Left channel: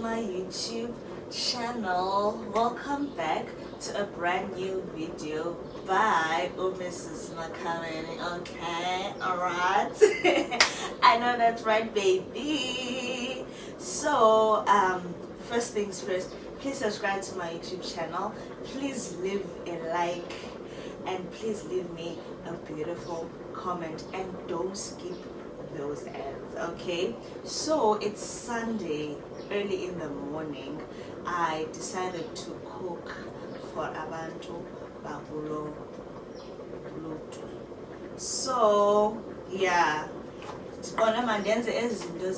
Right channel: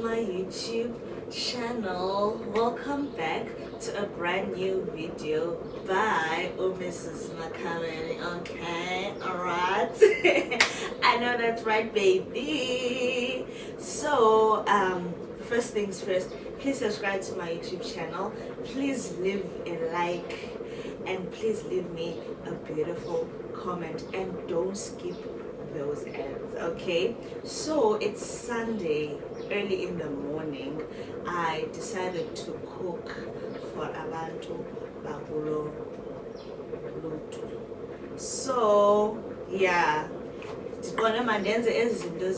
my YouTube channel. Welcome back to a brand new video by Mrs. Makhabeni. Okay, alright. I know that's right, baby. So first things first, please subscribe to my YouTube channel. Please leave a like and please leave me a beautiful comment and don't skip those ads. Okay, so it's Sunday early in the morning. I decided to cook for abantu bakulo. So yeah, ndibona mandenze ezinto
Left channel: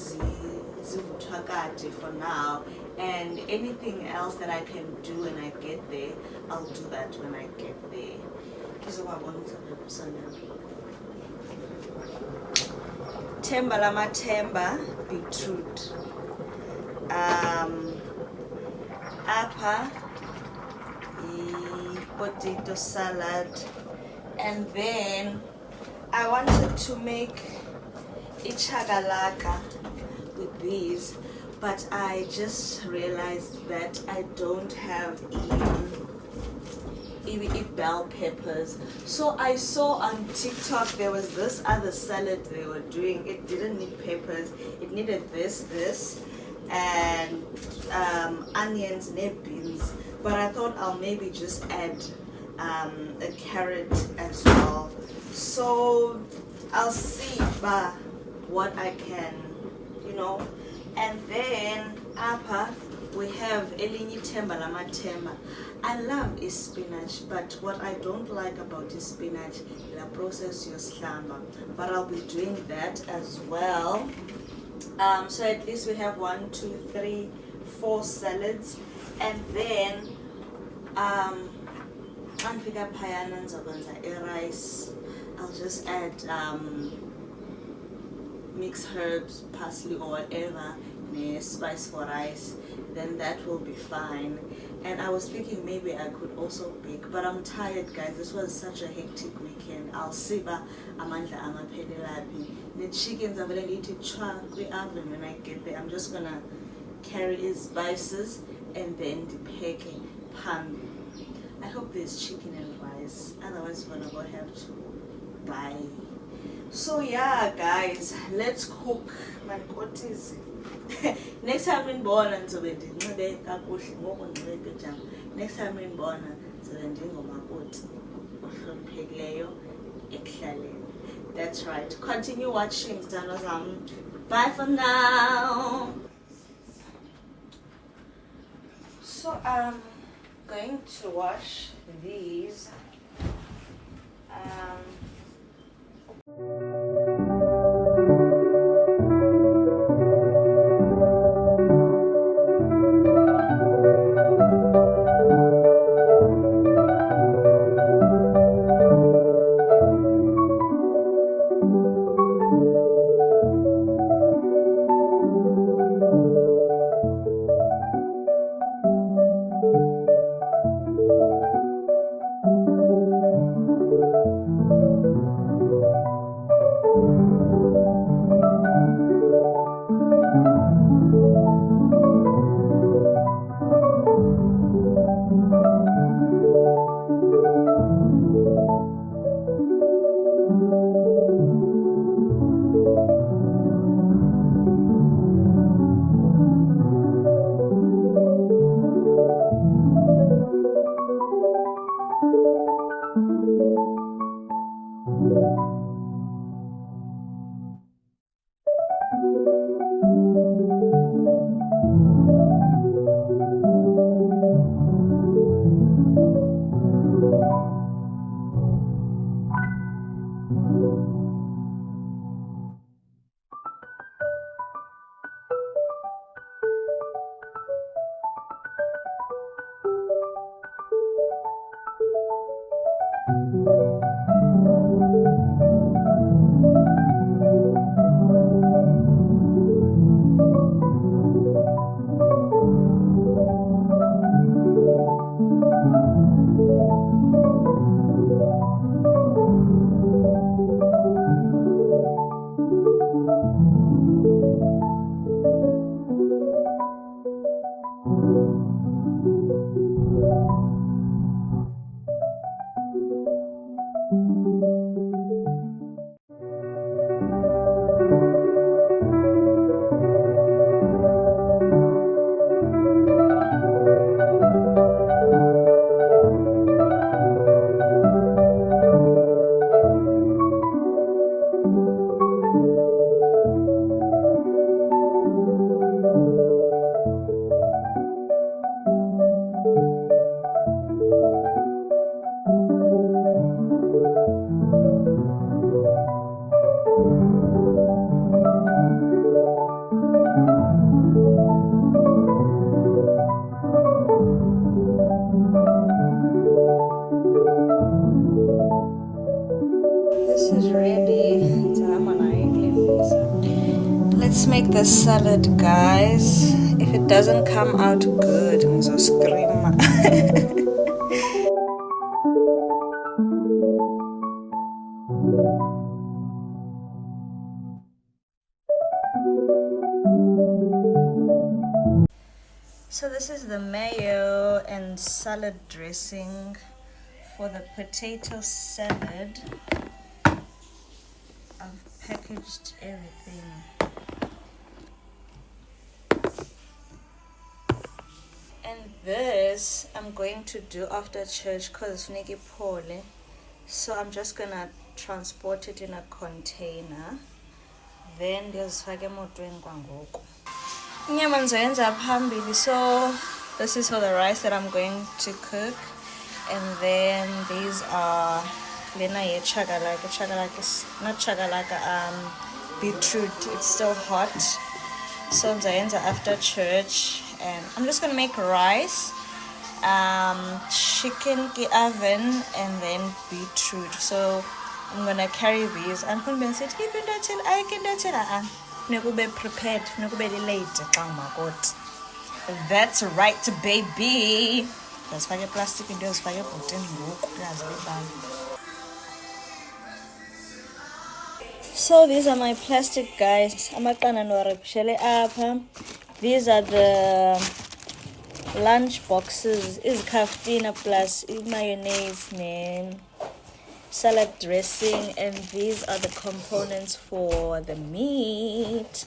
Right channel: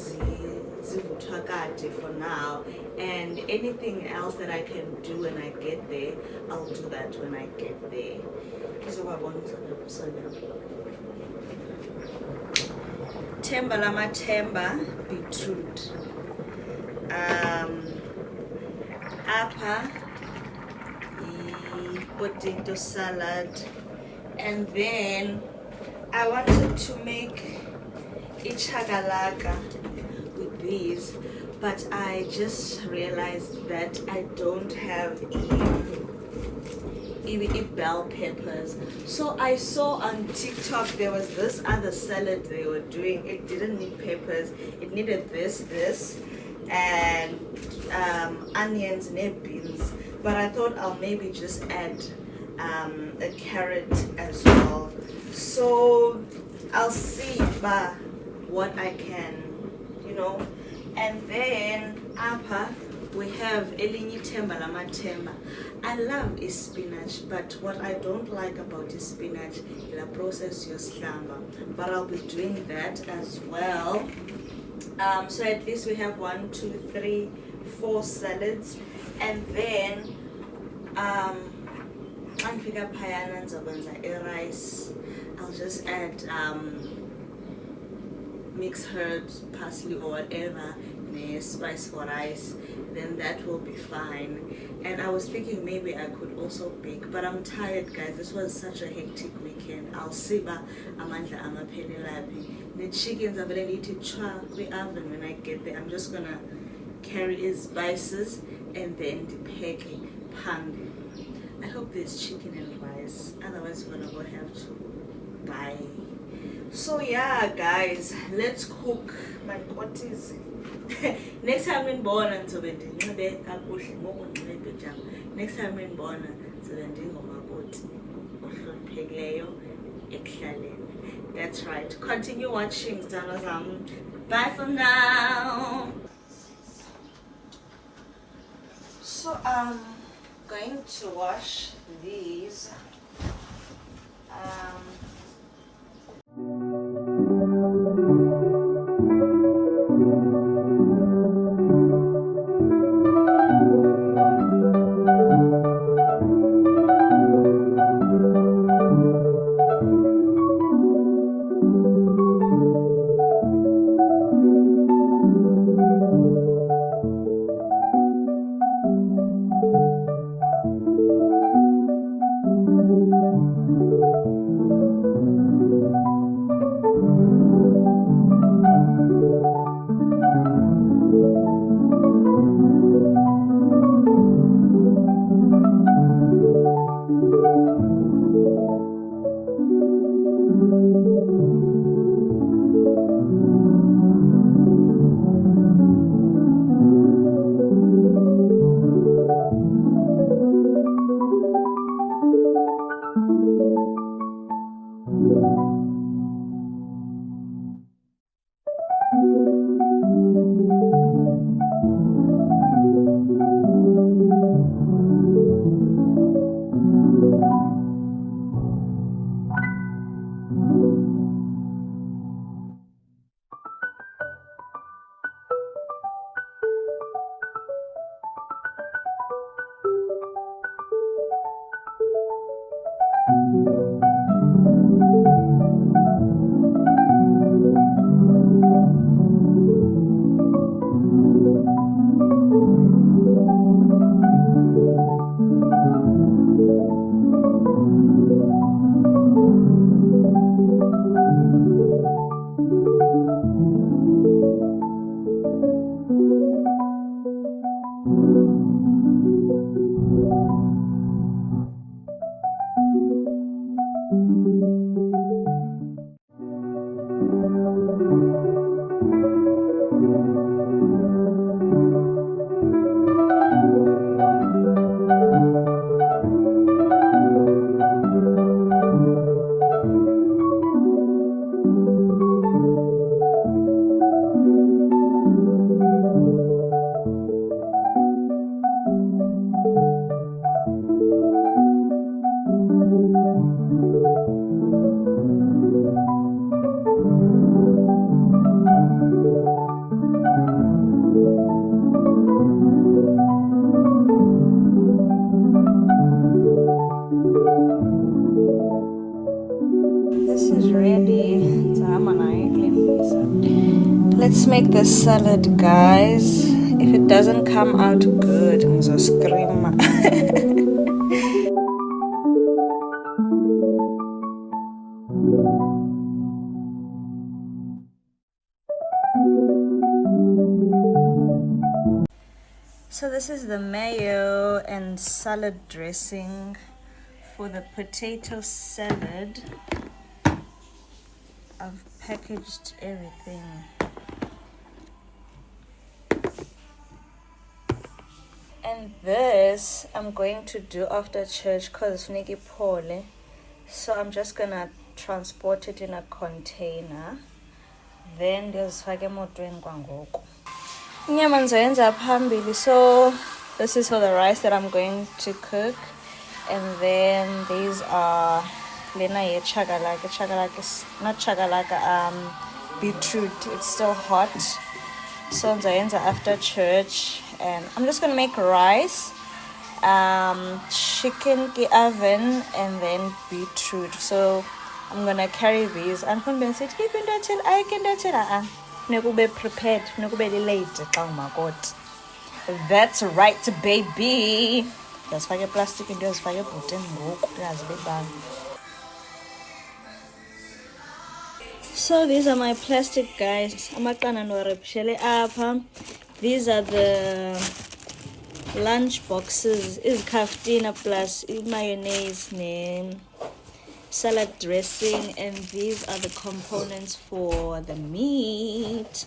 zivuthwa kade for now, and anything else that I can do when I get there, I'll do that when I get there. Themba lamathemba beetroot. Apha potato salad, and then I wanted to make ichakalaka with these, but I just realized that I don't have even bell peppers. So I saw on TikTok there was this other salad they were doing. It didn't need peppers. It needed this and onions and beans. But I thought I'll maybe just add a carrot as well. So I'll see what I can, And then apha we have elinye themba lamathemba. I love spinach, but what I don't like about spinach is the process yoslamba. But I'll be doing that as well. So at least we have 1, 2, 3, 4 salads, and then anfika phayana nizokwenza rice. I'll just add mixed herbs, parsley or whatever, spice for rice, then that will be fine. And I was thinking maybe I could also bake, but I'm tired, guys. This was such a hectic weekend. I'll see amandla amapheli laphi. The chickens are going to chwa kwi-oven when I get there. I'm just gonna carry his spices and then the packing pan. I hope there's chicken and rice, otherwise we're gonna have to buy. So yeah, guys, let's cook kotiza. Next time in Bona next time in Bona Makoti. That's right. Continue watching. Bye for now. So I'm going to wash these. This is ready. Let's make the salad, guys. If it doesn't come out good, I'm gonna scream. So this is the mayo and salad dressing for the potato salad. I've packaged everything. And this I'm going to do after church because Niki Pole. So I'm just gonna transport it in a container. Then there's emotweni kwangoku. Inyama ndizoyenza phambili. So this is for the rice that I'm going to cook. And then these are lena ye chagalaka is not chagalaka, beetroot. It's still hot. So ndizoyenza after church. And I'm just gonna make rice, chicken ki oven, and then beetroot. So I'm gonna carry these. And when Ben said, "Keep it until I can do it." Nekube prepared. Nekube late. Makoti. That's right, baby. That's why plastic and just why putting So these are my plastic, guys. These are the lunch boxes. Is kaftina plus mayonnaise and salad dressing, and these are the components for the meat.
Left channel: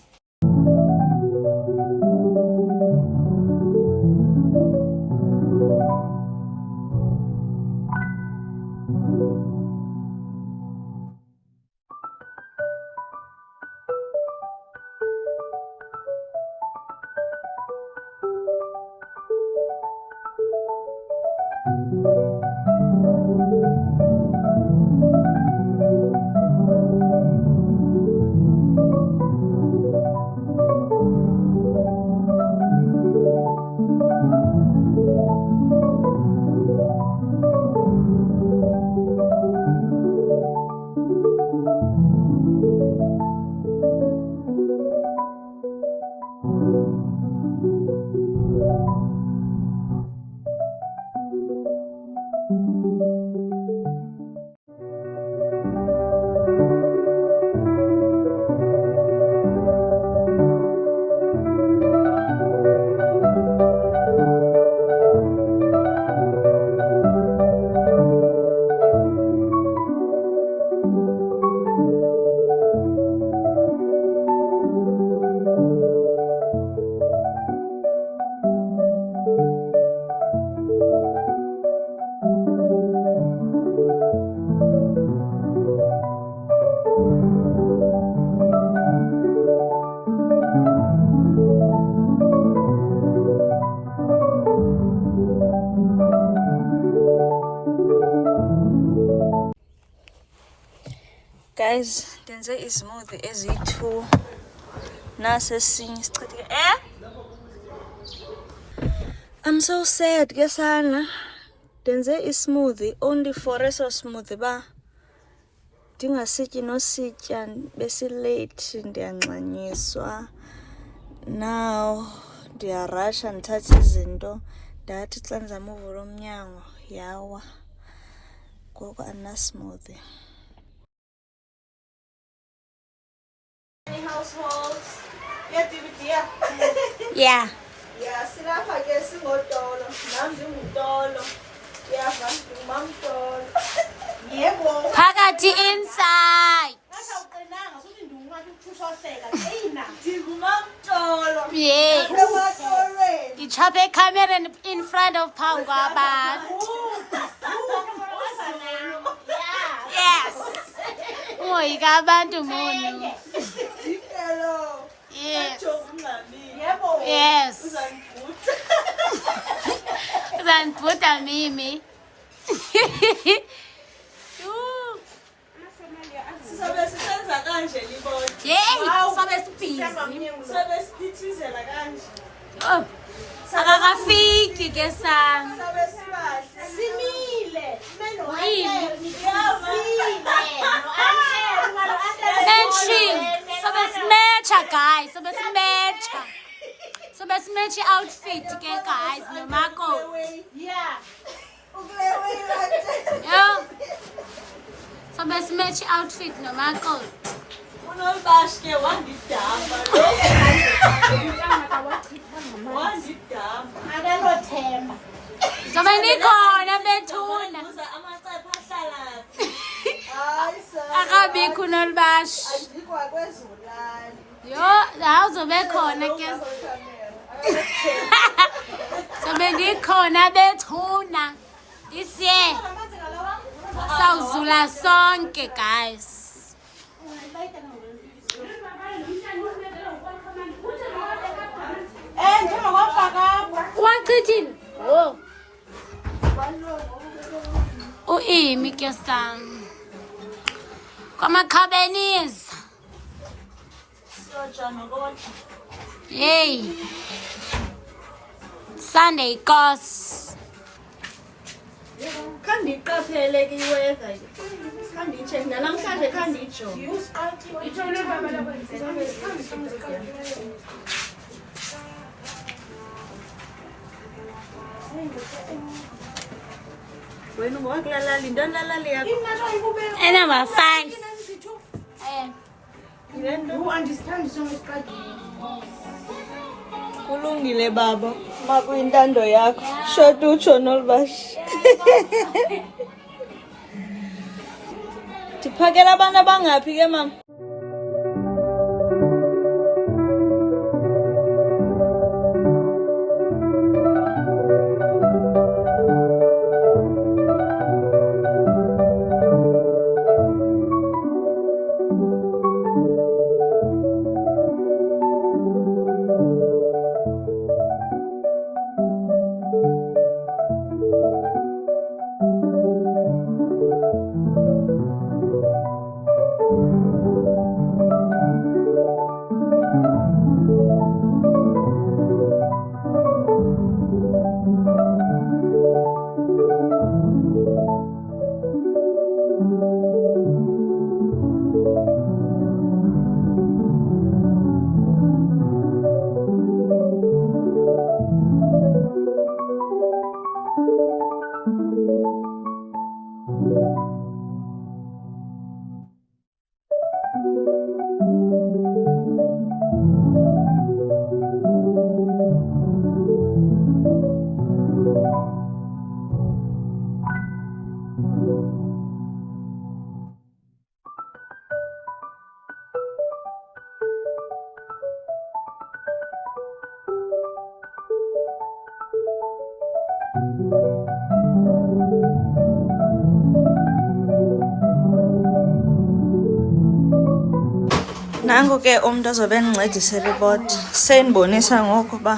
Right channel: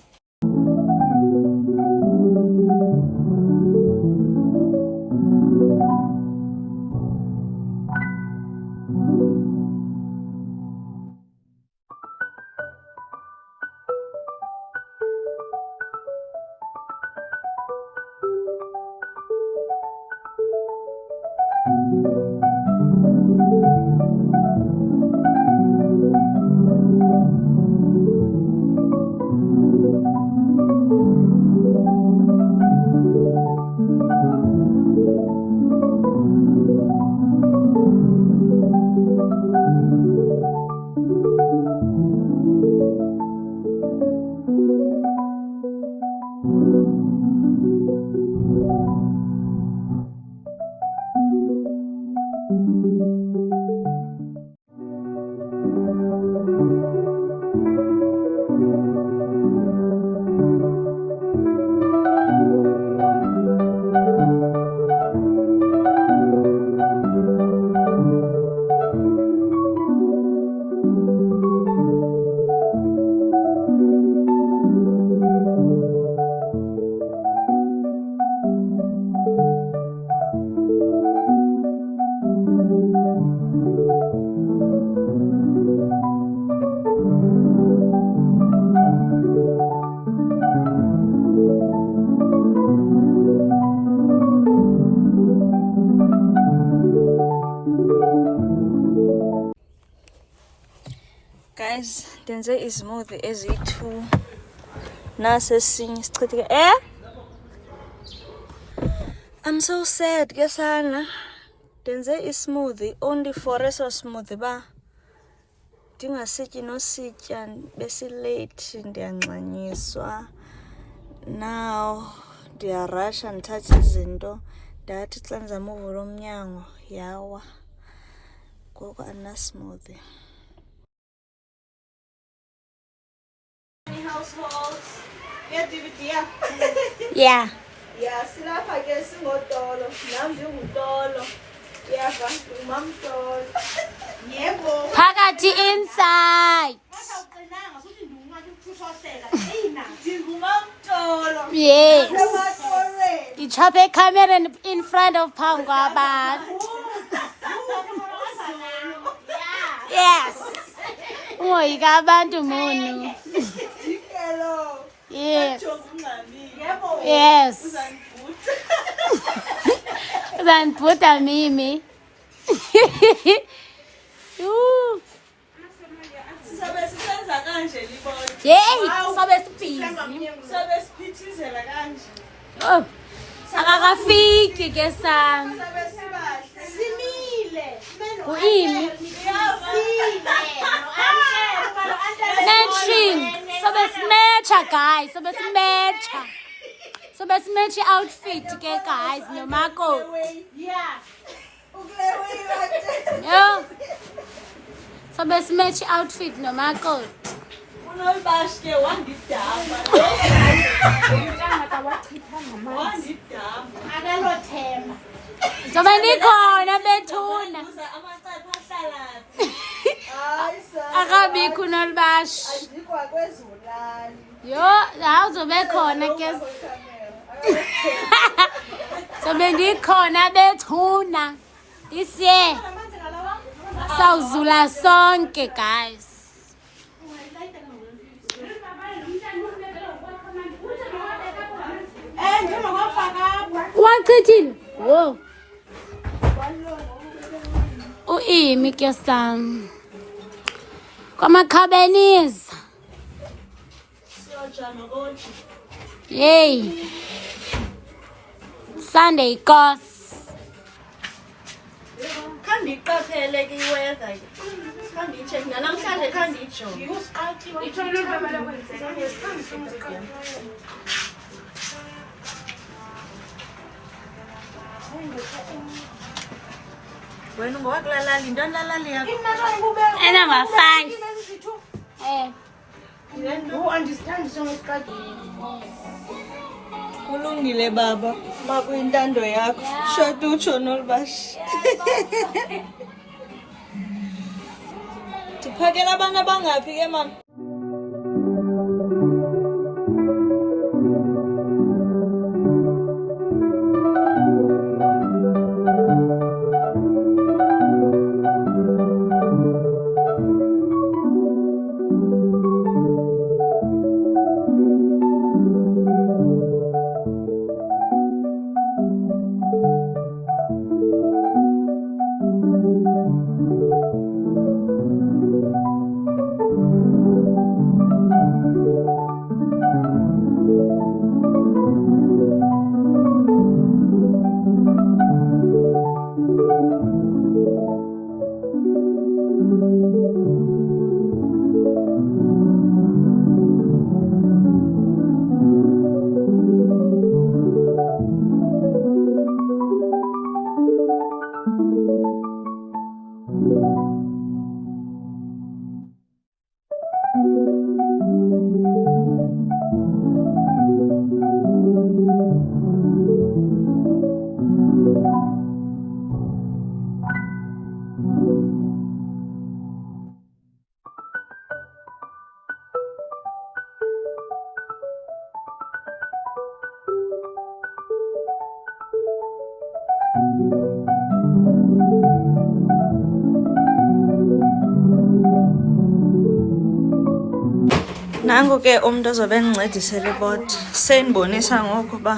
Guys, denze ismoothie ezi-2 nasesinye sichitheke I'm so sad ke sana. Denze ismoothie only for eso smoothie ba ndingasityi nositya besilate ndiyanxanyiswa. Now ndiyarasha ndithatha izinto ndathi xa ndizama uvula umnyango yawa ngoku andinasmoothie. Households. Yeah, DVD. Yeah. Yeah, silapha ke singotolo. Nam ndingutolo. Uyava ndingumamtolo. Yebo. Phakathi inside. Ndingumamtolo. Yes. Ematolweni. Ichaphe camera in front of phambi kwabantu. Yes. Ungoyika abantu munu. Hello. Yes. Yebo. Yes. Uzangibuta. Uzanibhuda mimi. Yuu. Sizobe sisenza kanje libona. Yey, sobe sibhizi. Sizobe siphithizela kanje. Oh. Akakafiki ke sana. Sizobe sibahle. Simile. Uimi. Uyava. Matching. Sobe simecha guys, sobe simecha. Sobe simecha outfit ke guys no Makoti. Yeah. Uklewe right. Yo. Sobe simecha outfit no Makoti. Unolbashke wandidamba. Wandidamba. Akalothemba. Sobe nikhona bethuna. Uza amacephe ahlalaphi. Hayi sa. Akabikho nolibashi. Andikwa kwezulali. Yo, awuzobe khona ke. Sobe ndikhona bethuna. This year. Sawuzula sonke guys. Wachithini? Wo. Uimi ke sam. KwaMakhabeni. Siyojama kodwa. Yay. Sunday course. Khandiqaphele ke iweather. Khandicheck namhlanje khandijonge. Wena ungowakulalali into lalali yakho. Number 5. Kulungile baba, makuyintando yakho. Shota utsho nolibashi. Ndiphakela abantu abangaphi ke mama? Nangu ke umntu ozobe endincedisela iboti. Sendibonisa ngoku uba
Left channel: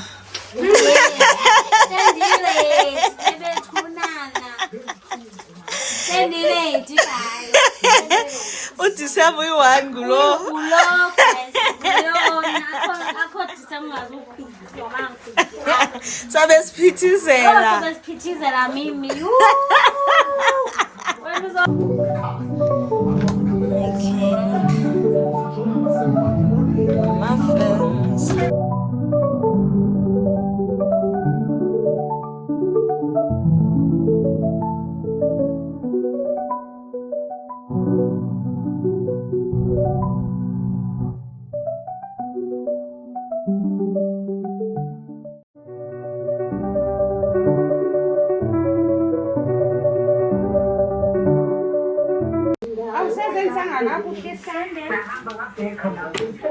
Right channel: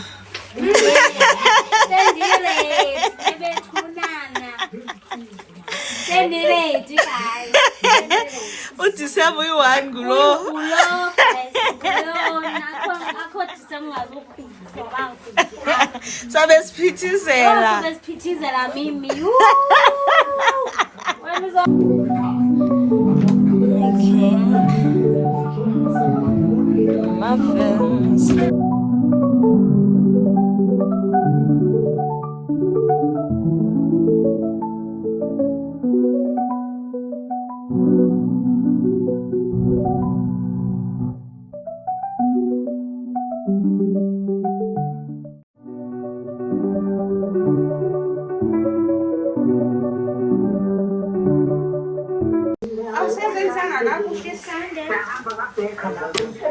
uDisemba uyi-1 ngulo. Sabe siphithizela. Mimi. Muffins.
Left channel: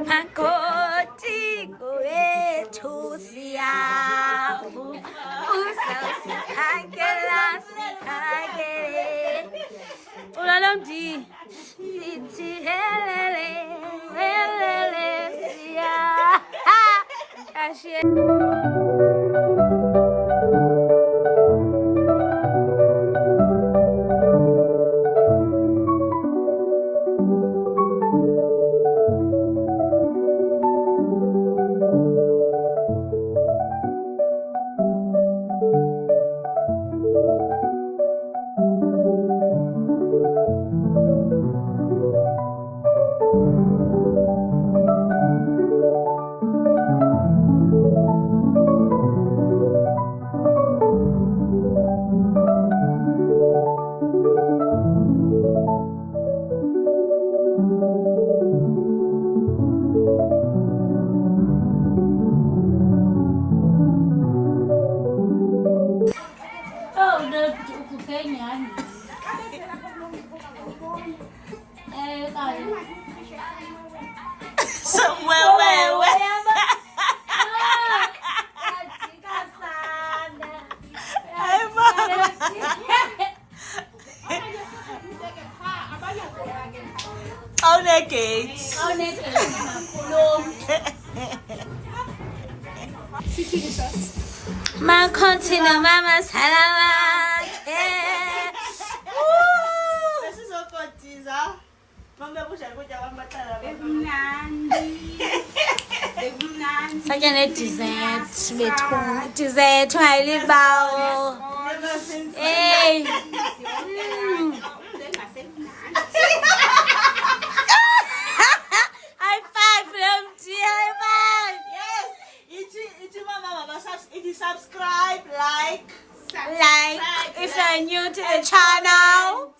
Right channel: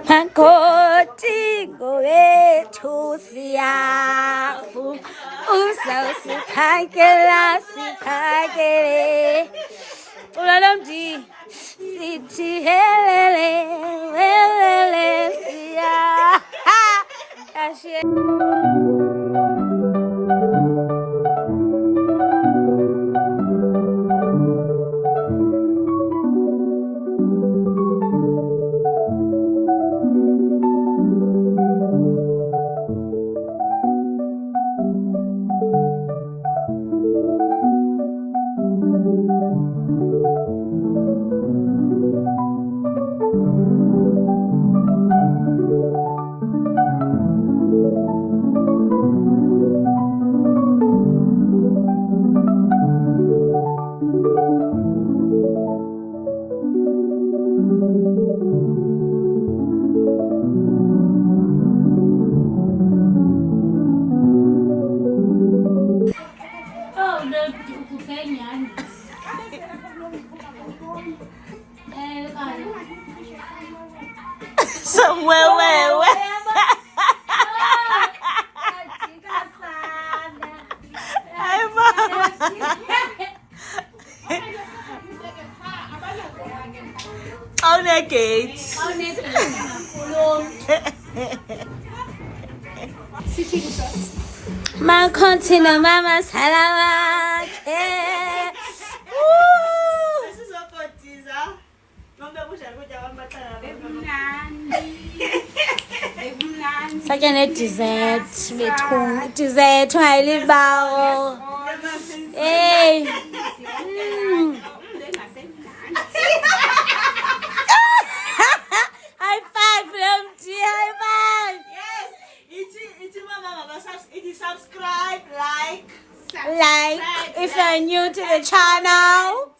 Makoti wethu siyafu uzawusikhangela sikhangele ulalomdi sithi helele helele siya Somewhere where Hi mama. How naked? Makoti no mama salama This is ukukotiza. Mama busha kuja wamatala. Sakhe ne-dessert bethu dessert ungayilibao hey high five Lemti high five Yes, it's mama subscribe, like if you're new to the channel